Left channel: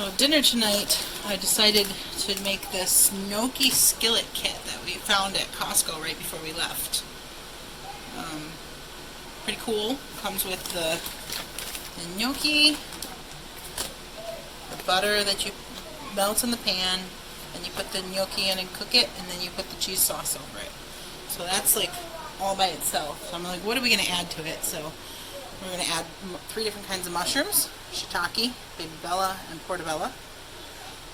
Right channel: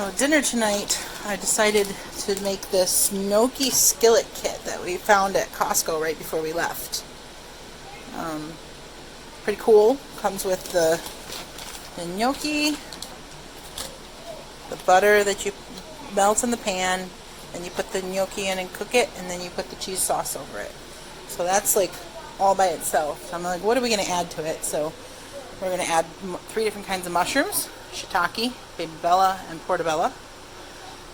So dinner tonight, I decided to make this gnocchi skillet kit that we found at Costco right before we left. Pretty cool. Comes with the gnocchi, the butter that you melt in the pan, and you put the gnocchi in and cook it, and then you put the cheese sauce over it. So that's like all by itself. So I'm like, what are we going to add to it? So we're going to add 3 different kinds of mushrooms: shiitake, baby bella, and portobello.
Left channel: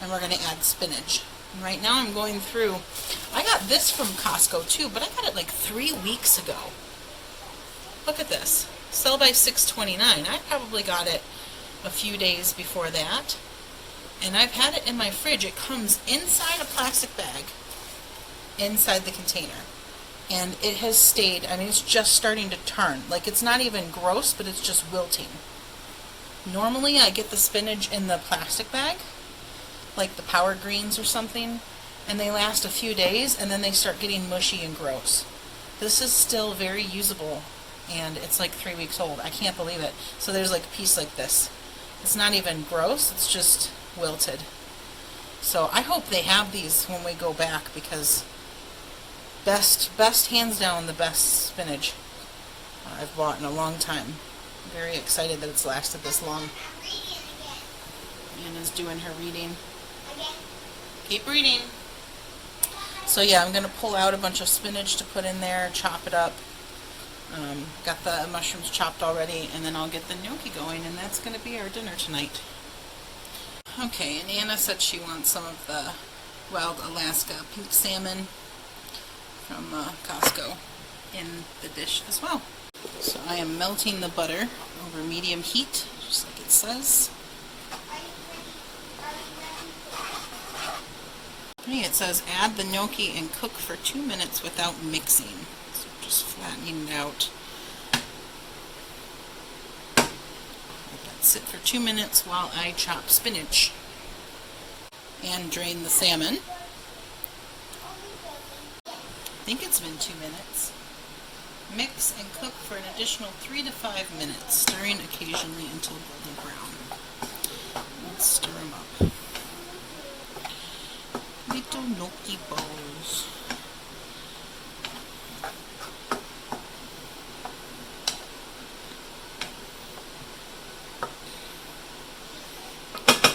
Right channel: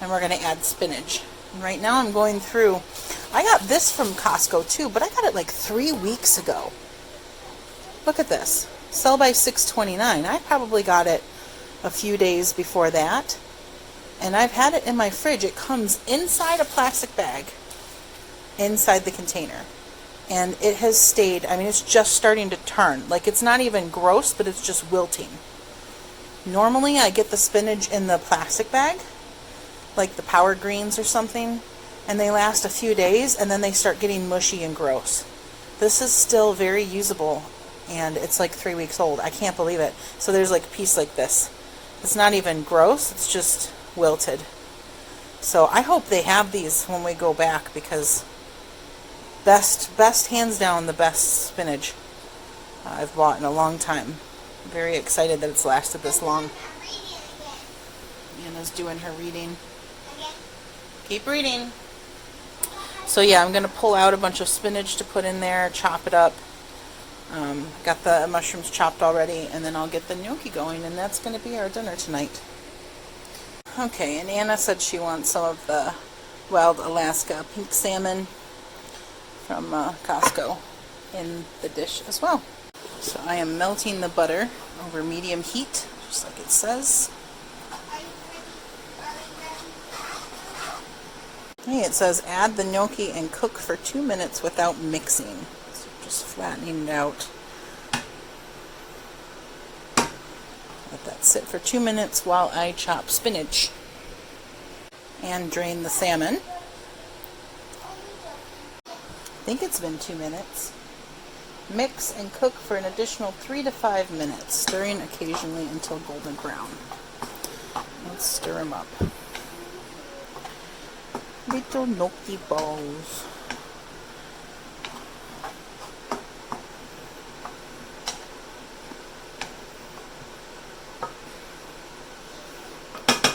And we're going to add spinach. And right now I'm going through, I got this from Costco too, but I got it like 3 weeks ago. Look at this. Sell by $6.29. I probably got it a few days before that. And I've had it in my fridge. It comes inside a plastic bag, inside the container. And it has stayed, I mean, it's just starting to turn. Like, it's not even gross, but it's just wilting. Normally, I get the spinach in the plastic bag, like the Power Greens or something, and they last a few days, and then they start getting mushy and gross. This is still very usable, and it's like 3 weeks old. I can't believe it. So there's like a piece like this. It's not even gross, it's just wilted. So I hope they have these when we go back, because best hands down, the best spinach I've bought in a long time. I'm very excited that it's lasted this long. Anna's doing her reading. Keep reading. So yeah, I'm going to pull out a bunch of spinach to put in there, chop it up. Got the mushrooms chopped already, and then I'll get the gnocchi going, and that's going to be our dinner tonight. Okay, and Anna said she wants some of the wild Alaska pink salmon from Costco in the dish as well. So I am melting the butter over medium heat, just like it says. Okay, it says add the gnocchi and cook for 2 minutes without mixing. So just flattening it out. Let that sit for 2 minutes while I chop spinach and drain the salmon. I think it's been 2 minutes. Mix and cook for an additional 3 to 5 minutes, stirring occasionally until golden brown. Let's stir them up. Little gnocchi balls.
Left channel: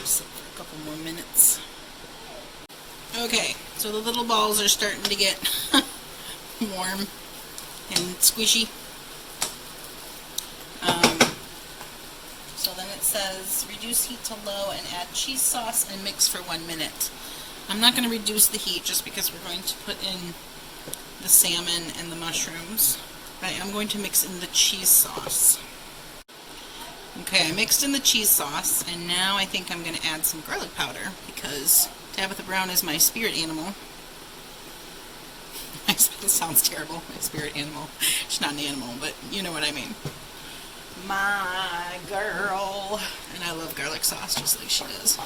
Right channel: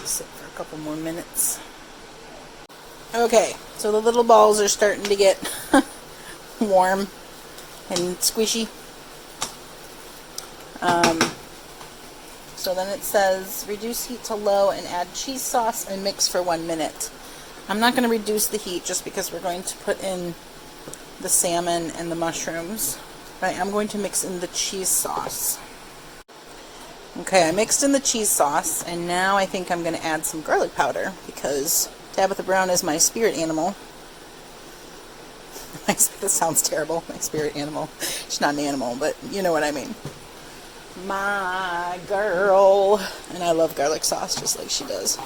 Sit for a couple more minutes. Okay, so the little balls are starting to get warm and squishy. So then it says reduce heat to low and add cheese sauce and mix for 1 minute. I'm not going to reduce the heat just because we're going to put in the salmon and the mushrooms. But I am going to mix in the cheese sauce. Okay, I mixed in the cheese sauce, and now I think I'm going to add some garlic powder because Tabitha Brown is my spirit animal. This sounds terrible, my spirit animal. She's not an animal, but you know what I mean. My girl. And I love garlic sauce just like she does.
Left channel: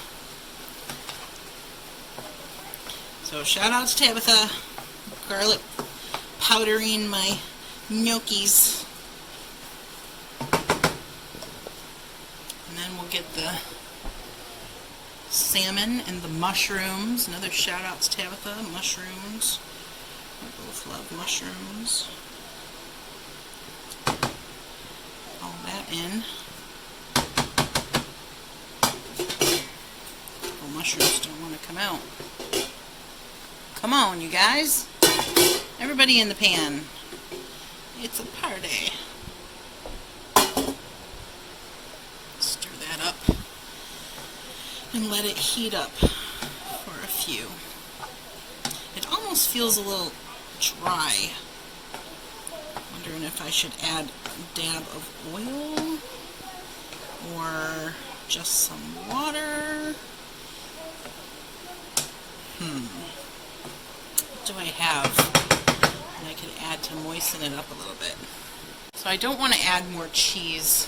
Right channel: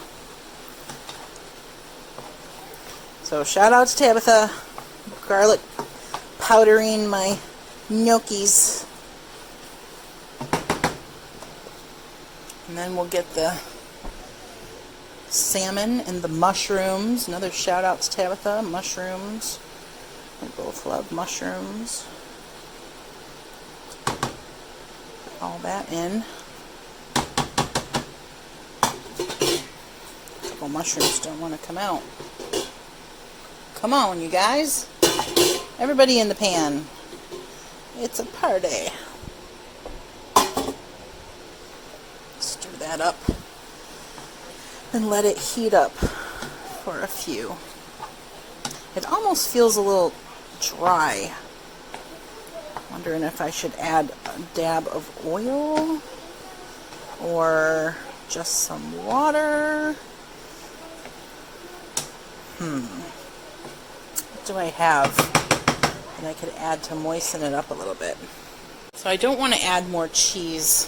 So shout out to Tabitha. Garlic powdering my gnocchis. And then we'll get the salmon and the mushrooms. Another shout out to Tabitha. Mushrooms. We both love mushrooms. All that in. A couple mushrooms don't want to come out. Come on, you guys. Everybody in the pan. It's a party. Stir that up and let it heat up for a few. It almost feels a little dry. Wondering if I should add a dab of oil or just some water. What do I have that I could add to moisten it up a little bit? So I don't want to add more cheese,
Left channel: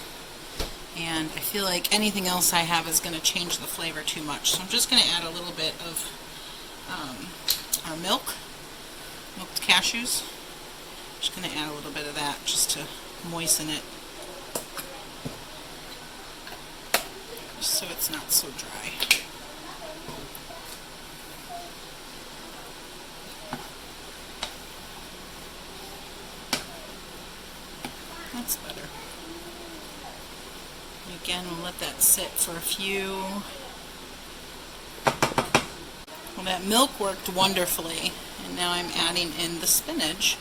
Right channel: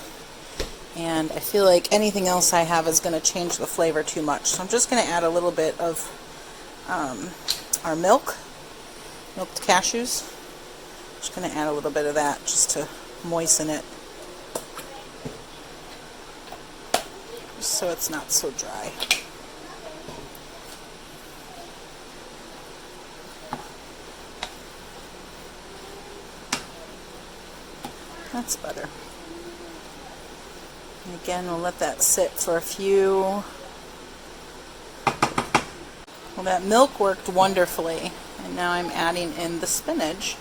and I feel like anything else I have is going to change the flavor too much. So I'm just going to add a little bit of our milked cashews. Just going to add a little bit of that just to moisten it, just so it's not so dry. That's better. And again, we'll let that sit for a few. Well, that milk worked wonderfully, and now I'm adding in the spinach.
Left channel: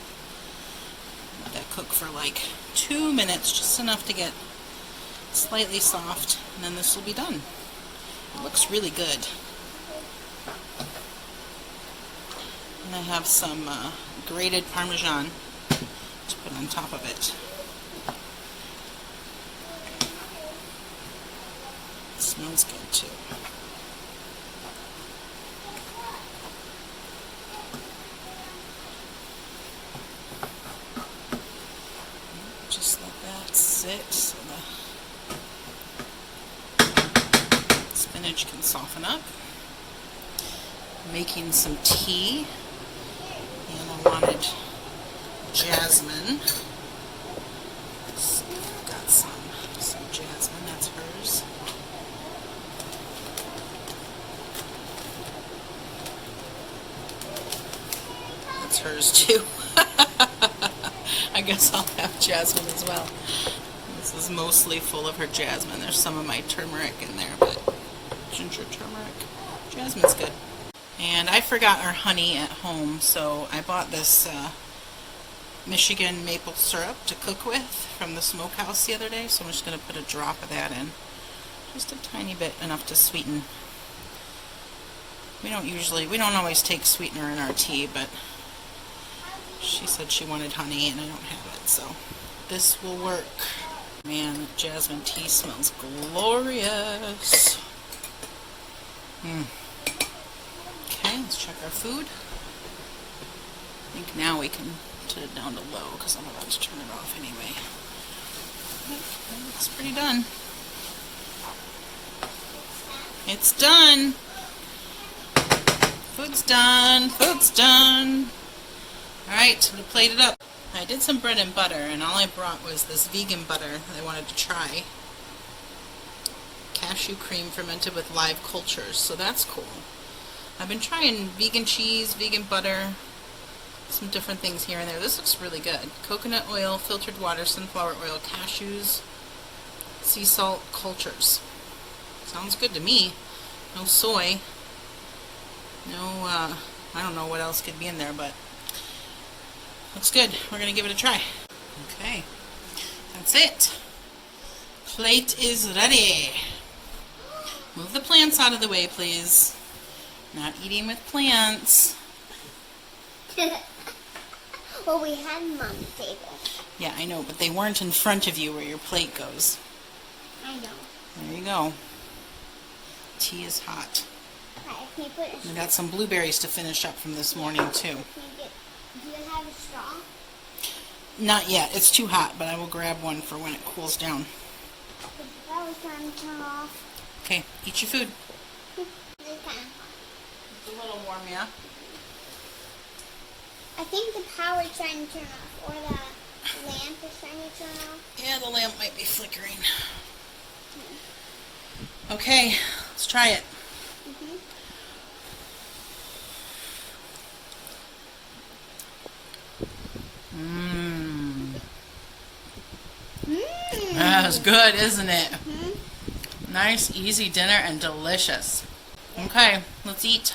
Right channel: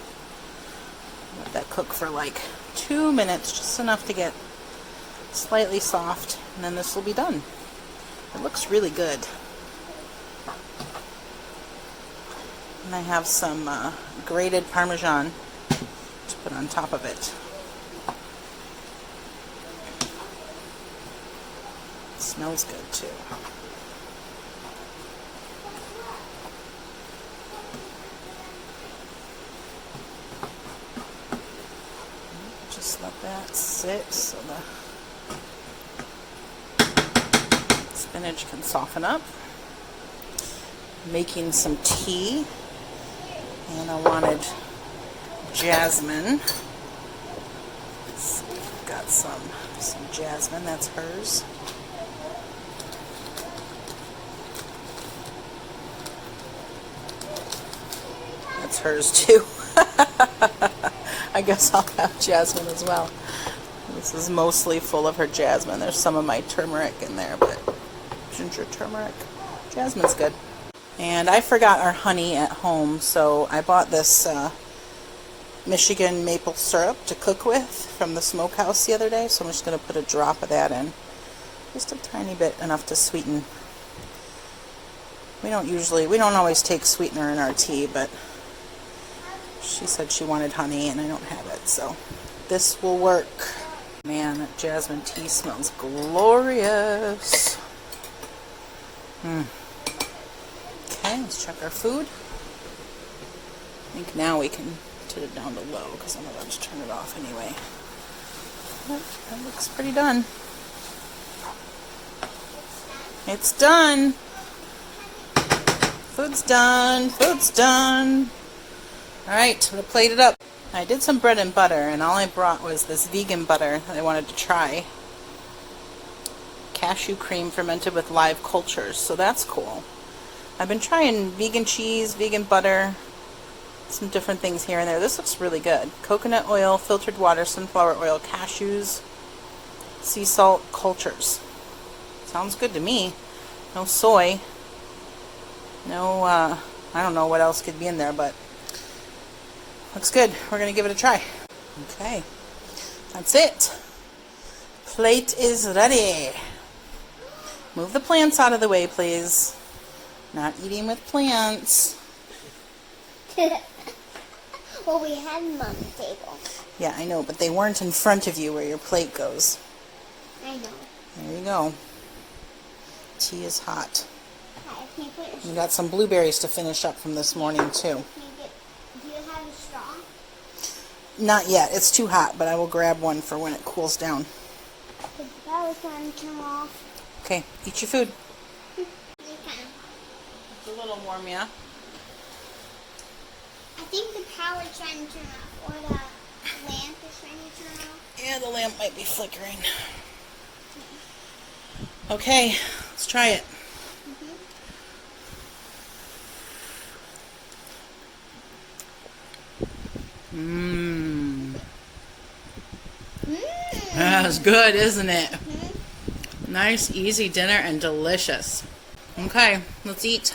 Let that cook for like 2 minutes, just enough to get slightly soft, and then this will be done. It looks really good. And I have some grated Parmesan to put on top of it. It smells good too. Just let that sit so the spinach can soften up. Making some tea, and I wanted jasmine. So got some jasmine, that's hers. That's hers too. I guess I'll have jasmine as well. This is mostly full of her jasmine. There's some of my turmeric in there, but ginger turmeric. Jasmine's good. And I forgot our honey at home, so I bought this Michigan maple syrup to cook with from the smokehouse the other day, so I'm just going to put a drop of that in. Just a tiny bit, enough to sweeten. We don't always take sweetener in our tea, but she said she wanted honey and I don't have it, so this will work. Man, that jasmine tea smells glorious. Okay, let's check our food. I think now we can turn it down to low because I'm about to turn it off anyway. Yep, that looks pretty done. It's done. Food's done. Food's done. Alright, I'm going to plate it up. I did some bread and butter, and all I brought was this vegan butter that I wanted to try. Cashew cream fermented with live cultures, so that's cool. I've been trying vegan cheese, vegan butter, some different things here and there. This looks really good. Coconut oil, filtered water, sunflower oil, cashews, sea salt, cultures. Sounds good to me. No soy. No, I don't know what else could be in there, but looks good. We're going to give it a try. Okay. That's it. Plate is ready. Move the plants out of the way, please. Not eating with plants. Well, we had them on the table. Yeah, I know, but they weren't in front of you where your plate goes. I know. There you go. Tea is hot. Hi, can you put a We got some blueberries to finish up from this morning, too. do you have a straw? Not yet. It's too hot, but I will grab one for when it cools down. The power's trying to turn off. Okay, eat your food. It's kind of hot. It's a little warm, yeah? I think the power's trying to turn off, or the lamp is trying to turn off. Yeah, the lamp might be flickering. Okay, let's try it. That's good, isn't it? Nice, easy dinner and delicious. Okay, let's eat.